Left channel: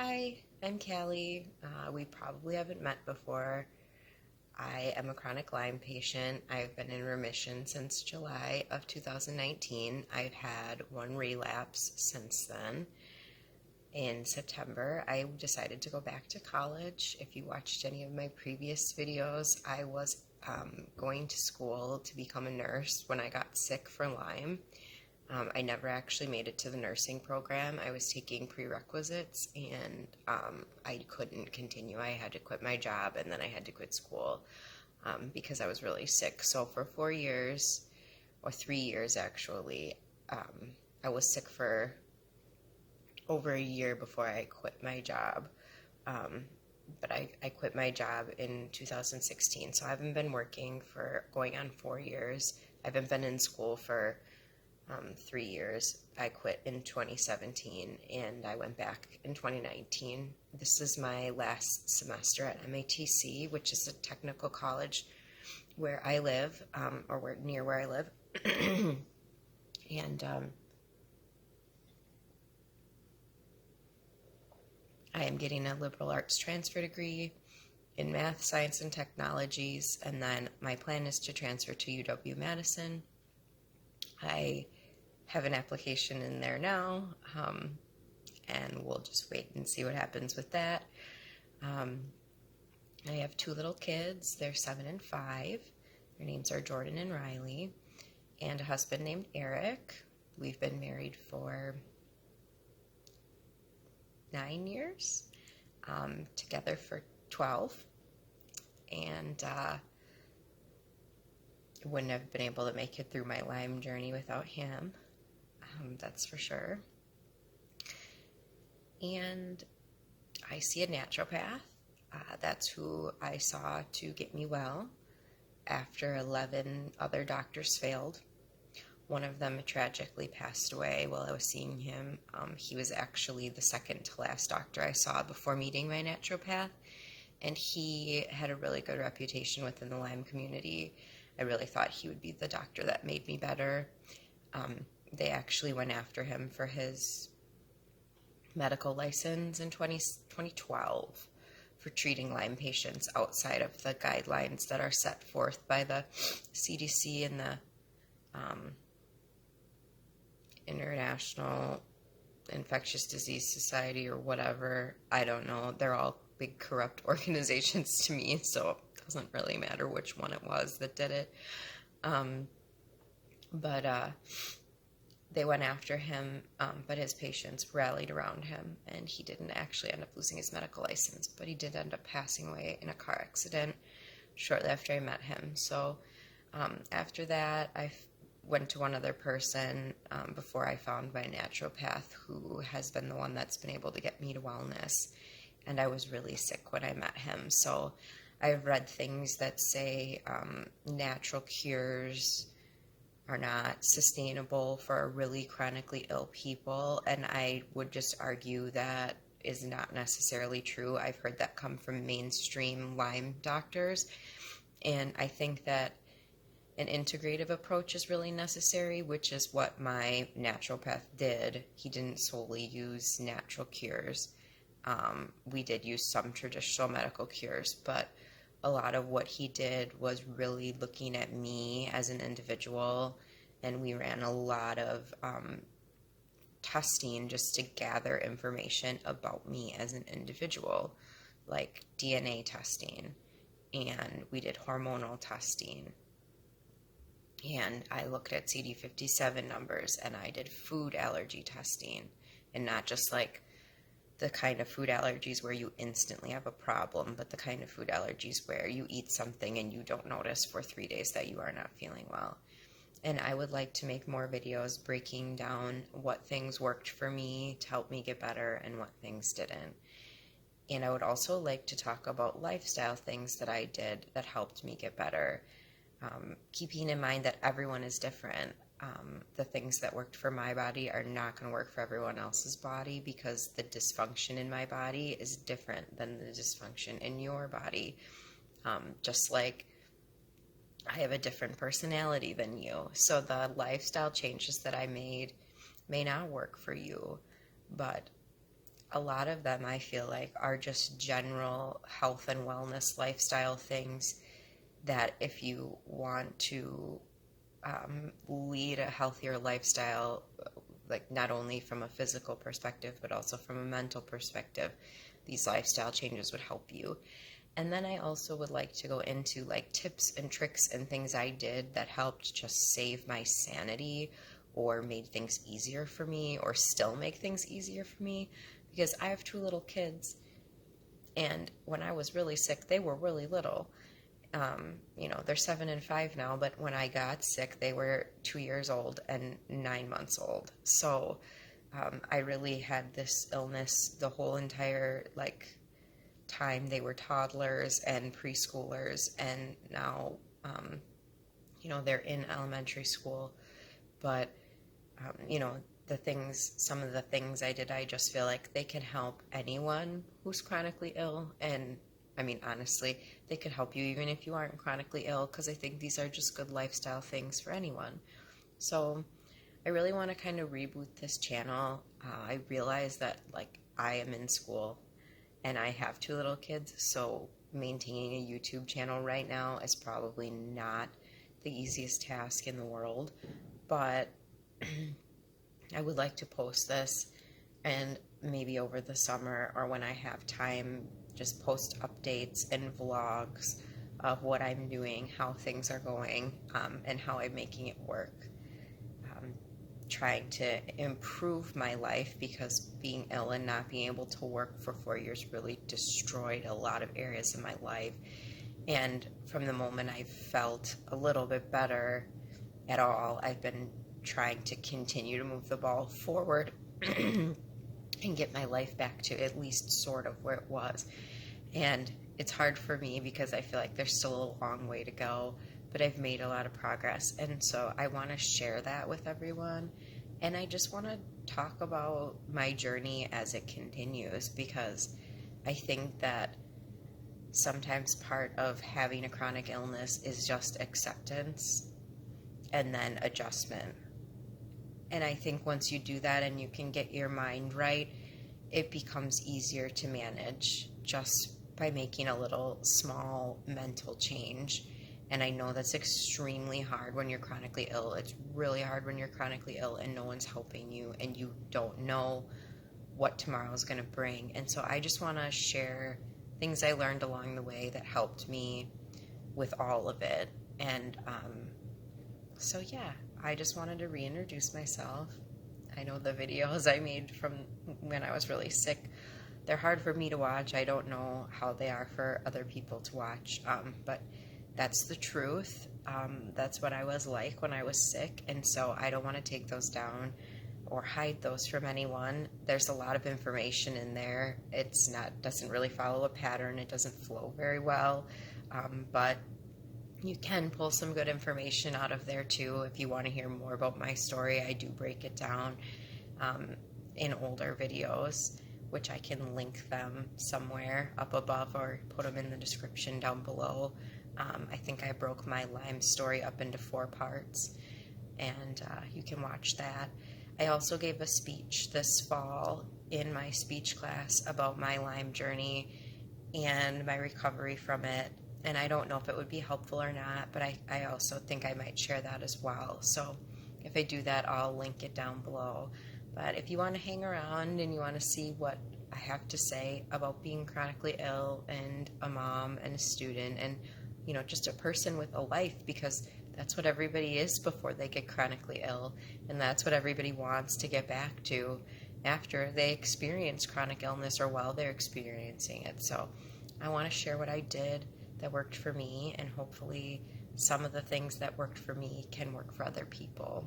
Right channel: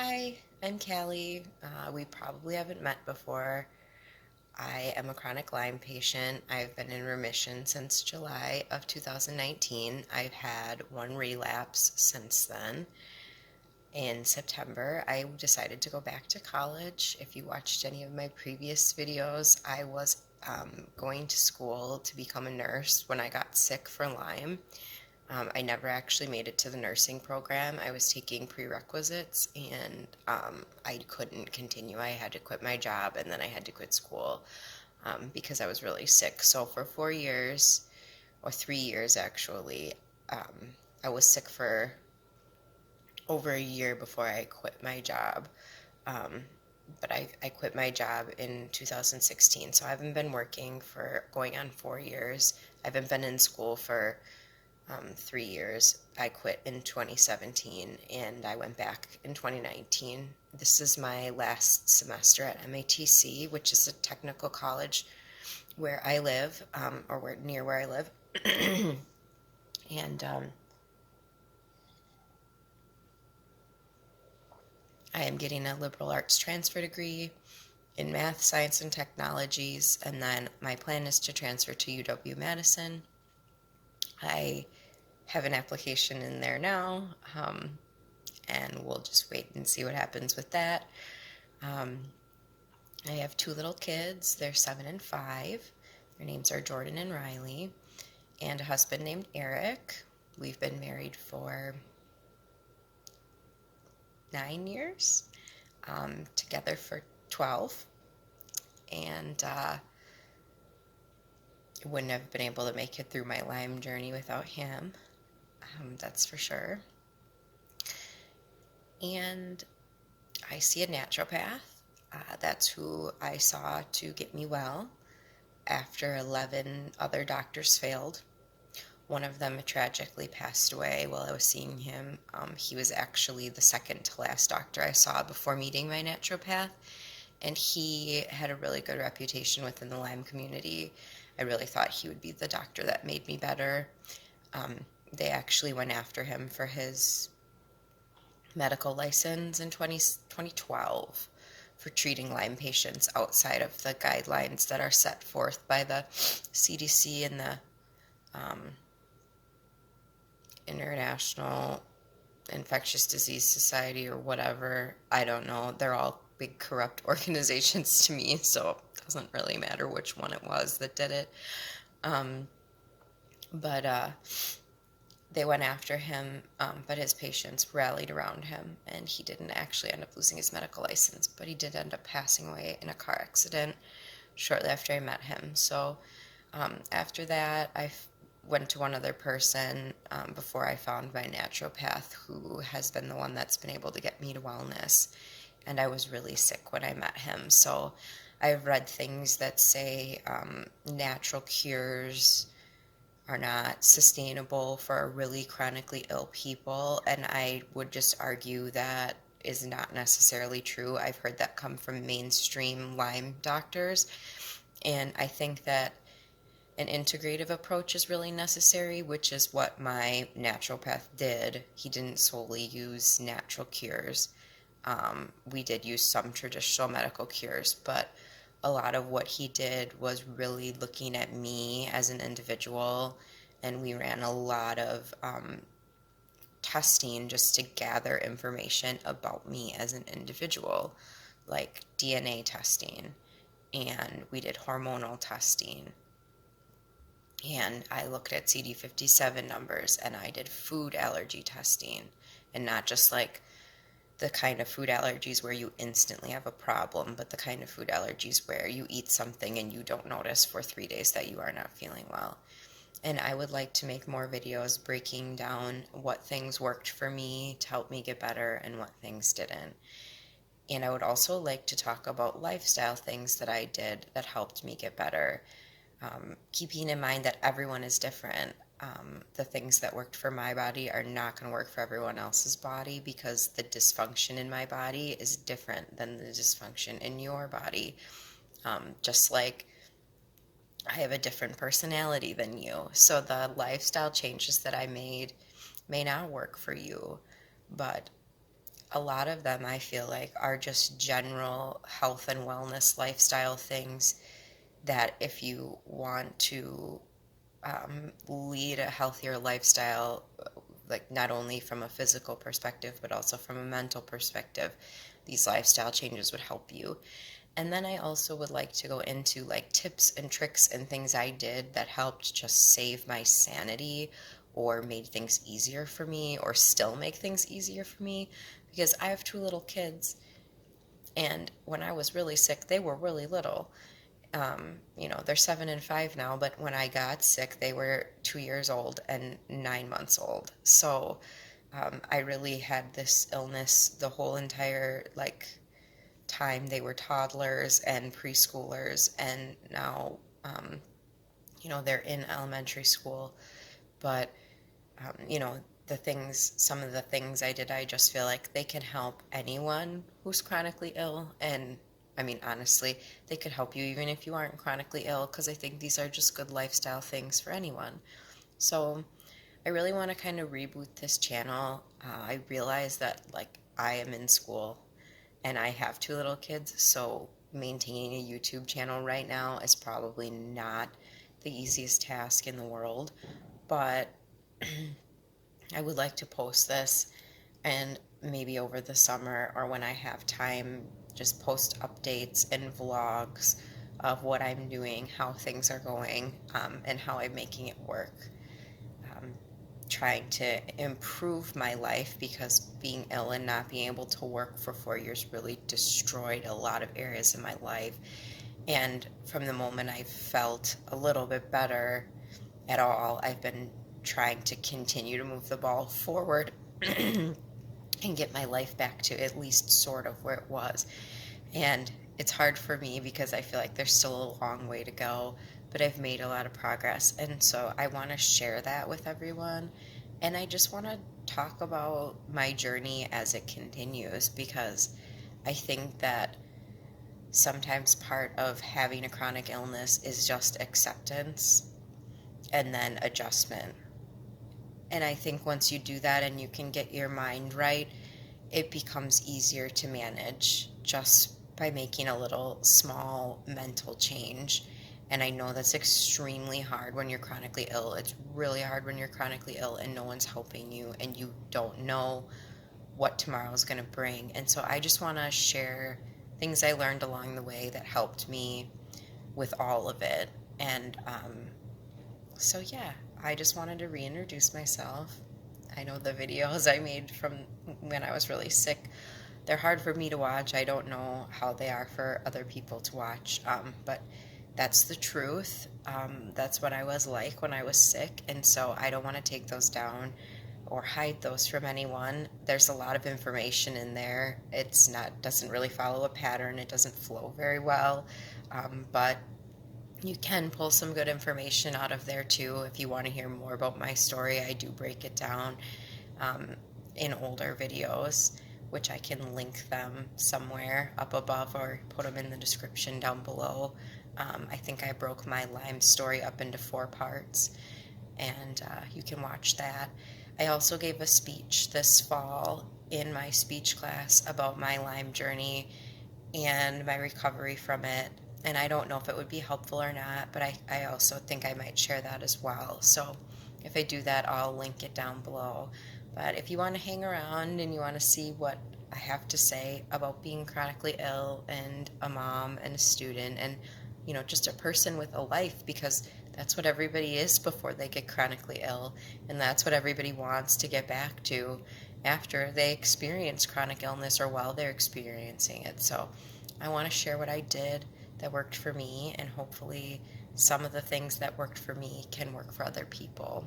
Hi, I'm Callie. We probably haven't met before. I am a chronic Lyme patient. I've been in remission since July of 2019. I've had one relapse since then. In September, I decided to go back to college. If you watched any of my previous videos, I was going to school to become a nurse when I got sick for Lyme. I never actually made it to the nursing program. I was taking prerequisites and I couldn't continue. I had to quit my job and then I had to quit school because I was really sick. So for 4 years, or 3 years actually, I was sick for over a year before I quit my job. Um, but I quit my job in 2016. So I haven't been working for going on 4 years. I haven't been in school for 3 years. I quit in 2017 and I went back in 2019. This is my last semester at MATC, which is a technical college where I live, near where I live. and I am getting a liberal arts transfer degree in math, science, and technologies, and then my plan is to transfer to UW-Madison. I have an application in there now, and we'll just wait and see what happens with that. I have two little kids. They're 7 and 5. Their names are Jordan and Riley, and a husband named Eric. We've been married for 9 years, together for 12, and wouldn't have been able to make it through my Lyme journey without him, that's for sure. And I see a naturopath. That's who I saw to get me well after 11 other doctors failed. One of them tragically passed away while I was seeing him. He was actually the second to last doctor I saw before meeting my naturopath, and he had a really good reputation within the Lyme community. I really thought he would be the doctor that made me better. They actually went after him for his medical license in 2012 for treating Lyme patients outside of the guidelines that are set forth by the CDC and the International Infectious Disease Society or whatever. I don't know. They're all big corrupt organizations to me, so it doesn't really matter which one it was that did it. But they went after him, but his patients rallied around him, and he didn't actually end up losing his medical license, but he did end up passing away in a car accident shortly after I met him. So after that, I went to one other person before I found my naturopath, who has been the one that's been able to get me to wellness, and I was really sick when I met him. So I've read things that say natural cures are not sustainable for really chronically ill people, and I would just argue that is not necessarily true. I've heard that come from mainstream Lyme doctors, and I think that an integrative approach is really necessary, which is what my naturopath did. He didn't solely use natural cures. We did use some traditional medical cures, but a lot of what he did was really looking at me as an individual, and we ran a lot of testing just to gather information about me as an individual, like DNA testing, and we did hormonal testing, and I looked at CD57 numbers, and I did food allergy testing, and not just like the kind of food allergies where you instantly have a problem, but the kind of food allergies where you eat something and you don't notice for 3 days that you are not feeling well. And I would like to make more videos breaking down what things worked for me to help me get better and what things didn't. And I would also like to talk about lifestyle things that I did that helped me get better, keeping in mind that everyone is different. The things that worked for my body are not going to work for everyone else's body, because the dysfunction in my body is different than the dysfunction in your body. Just like I have a different personality than you. So the lifestyle changes that I made may not work for you, but a lot of them I feel like are just general health and wellness lifestyle things that if you want to lead a healthier lifestyle, like not only from a physical perspective, but also from a mental perspective, these lifestyle changes would help you. And then I also would like to go into like tips and tricks and things I did that helped just save my sanity or made things easier for me or still make things easier for me because I have two little kids. And when I was really sick, they were really little. They're 7 and 5 now, but when I got sick, they were 2 years old and 9 months old. So I really had this illness the whole entire time. They were toddlers and preschoolers, and now they're in elementary school. But um, you know, some of the things I did, I just feel like they can help anyone who's chronically ill. And I mean, honestly, they could help you even if you aren't chronically ill, because I think these are just good lifestyle things for anyone. So I really want to kind of reboot this channel. I realize that I am in school and I have two little kids, so maintaining a YouTube channel right now is probably not the easiest task in the world. But I would like to post this and maybe over the summer or when I have time, just post updates and vlogs of what I'm doing, how things are going, and how I'm making it work. Um, Trying to improve my life because being ill and not being able to work for 4 years really destroyed a lot of areas in my life. And from the moment I felt a little bit better at all, I've been trying to continue to move the ball forward and get my life back to at least sort of where it was. And it's hard for me because I feel like there's still a long way to go, but I've made a lot of progress. And so I want to share that with everyone. And I just want to talk about my journey as it continues because I think that sometimes part of having a chronic illness is just acceptance and then adjustment. And I think once you do that and you can get your mind right, it becomes easier to manage just by making a little small mental change. And I know that's extremely hard when you're chronically ill. It's really hard when you're chronically ill and no one's helping you and you don't know what tomorrow is going to bring. And so I just want to share things I learned along the way that helped me with all of it. And so, yeah, I just wanted to reintroduce myself. I know the videos I made from when I was really sick, they're hard for me to watch. I don't know how they are for other people to watch, but that's the truth. That's what I was like when I was sick, and so I don't want to take those down or hide those from anyone. There's a lot of information in there. Doesn't really follow a pattern. It doesn't flow very well, but you can pull some good information out of there too. If you want to hear more about my story, I do break it down um, in older videos, which I can link them somewhere up above or put them in the description down below. I think I broke my Lyme story up into 4 parts, and you can watch that. I also gave a speech this fall in my speech class about my Lyme journey and my recovery from it. And I don't know if it would be helpful or not, but I also think I might share that as well. So if I do that, I'll link it down below. But if you want to hang around and you want to see what I have to say about being chronically ill and a mom and a student and, just a person with a life, because that's what everybody is before they get chronically ill. And that's what everybody wants to get back to after they experience chronic illness or while they're experiencing it. So I want to share what I did that worked for me, and hopefully some of the things that worked for me can work for other people.